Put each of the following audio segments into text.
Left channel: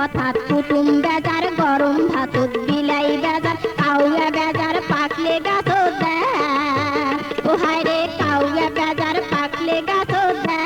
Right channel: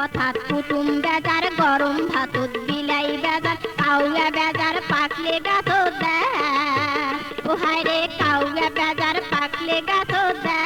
কথা কুটুম বেজার গরম ভাতত বিলাই বেজার কাউয়া বেজার পাকলে গাছ দেয় ও হায় রে কাউয়া বেজার পাকলে গাছ দেয়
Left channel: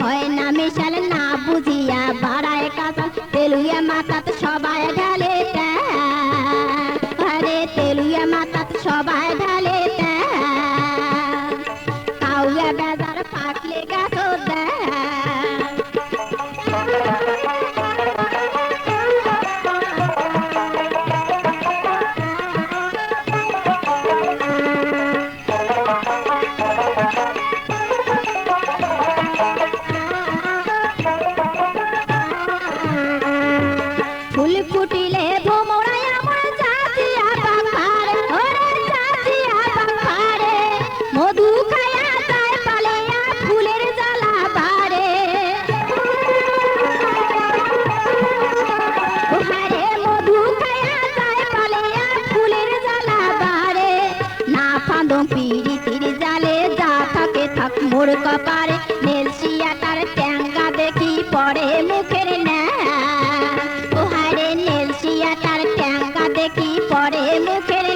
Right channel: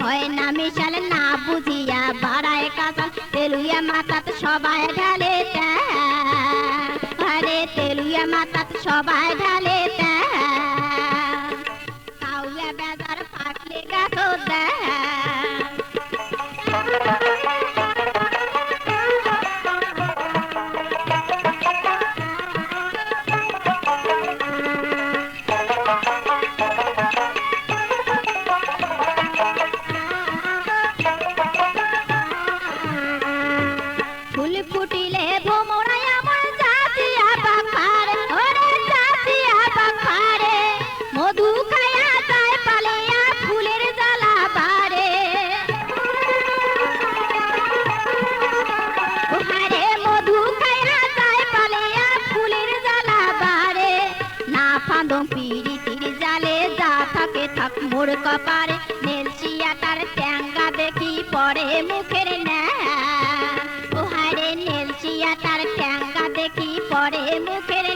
হয় না মিশাল না বুঝিয়া বাড়ায় কাঁচাল তেলুয়া মাথাত সবাই ঢালে আরে তেলুয়া মাথাত সবাই ঢালে কাউয়া বেজার পাকলে গাছ দেয় ফুল ফুটিলে ভোমরায় আমার জাতিয়া পাখারে ওরে জাতিয়া পাখারে মধু খায়া যায় পালিয়া ফুলের জ্বালা বারে ওহারে মধু খায়া যায় পালিয়া ফুলের জ্বালা বারে না ফাঁদম পিরিতির জালে যা থাকে থাক মোর কপারে নেলসিয়া তার ট্যাঙ্গা দেখি পড়ে মুখের ন্যা দেখি পরে মুখের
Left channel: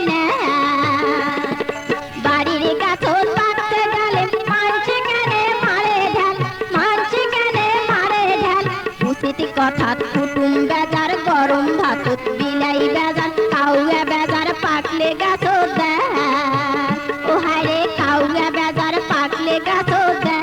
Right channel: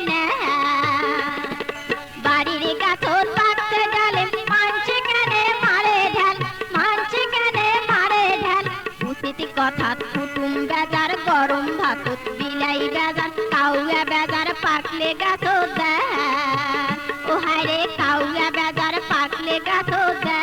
বাড়ির গাছন পাকতে গেলে মানছে কেনে মারে ঢাল মানছে কেনে মারে ঢাল উচিত কথা কুটুম বেজার গরম ভাতত বিলাই বেজার কাউয়া বেজার পাকলে গাছ দেয় ও হায় রে কাউয়া বেজার পাকলে গাছ দেয়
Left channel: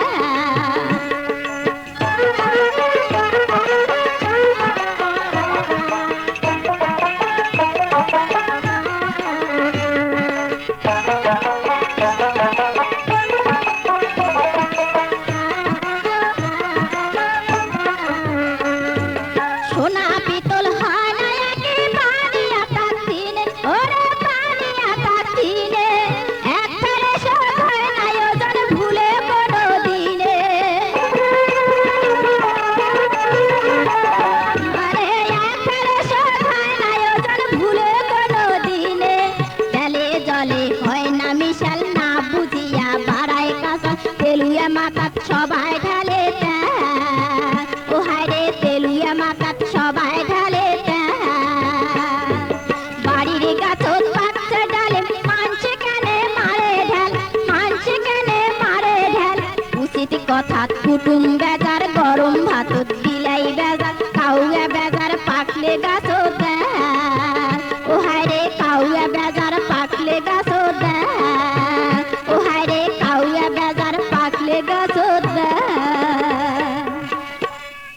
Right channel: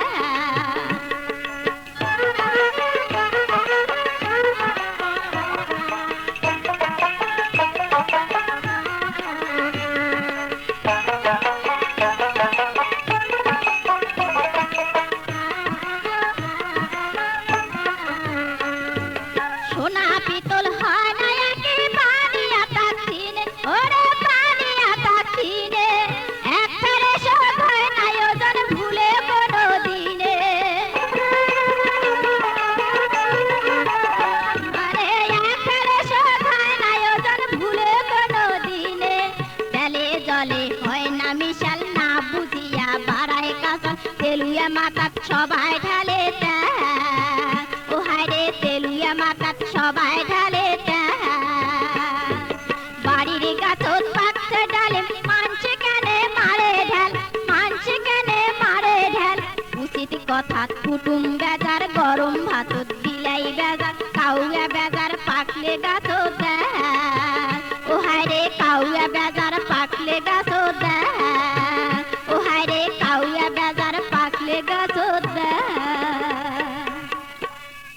সোনা পিতল হয় না একে পানিয়া তাকিনে ওরে পানিয়া তাকিনে এক ফেরে শোধ হয় না ওজন ভুলে কোনো দিনে আরে এক ফেরে শোধ হয় না ওজন ভুলে কোনো দিনে জলে জলে হয় না মিশাল না বুঝিয়া বাড়ায় কাঁচা তেলুয়া মাথাত সবাই ঢালে ও হায় রে তেলুয়া মাথাত সবাই ঢালে বাড়ির গাছত পাকছে ডালে মানছে কেনে মারে ঢাল মানছে কেনে মারে ঢাল উচিত কথা কুটুম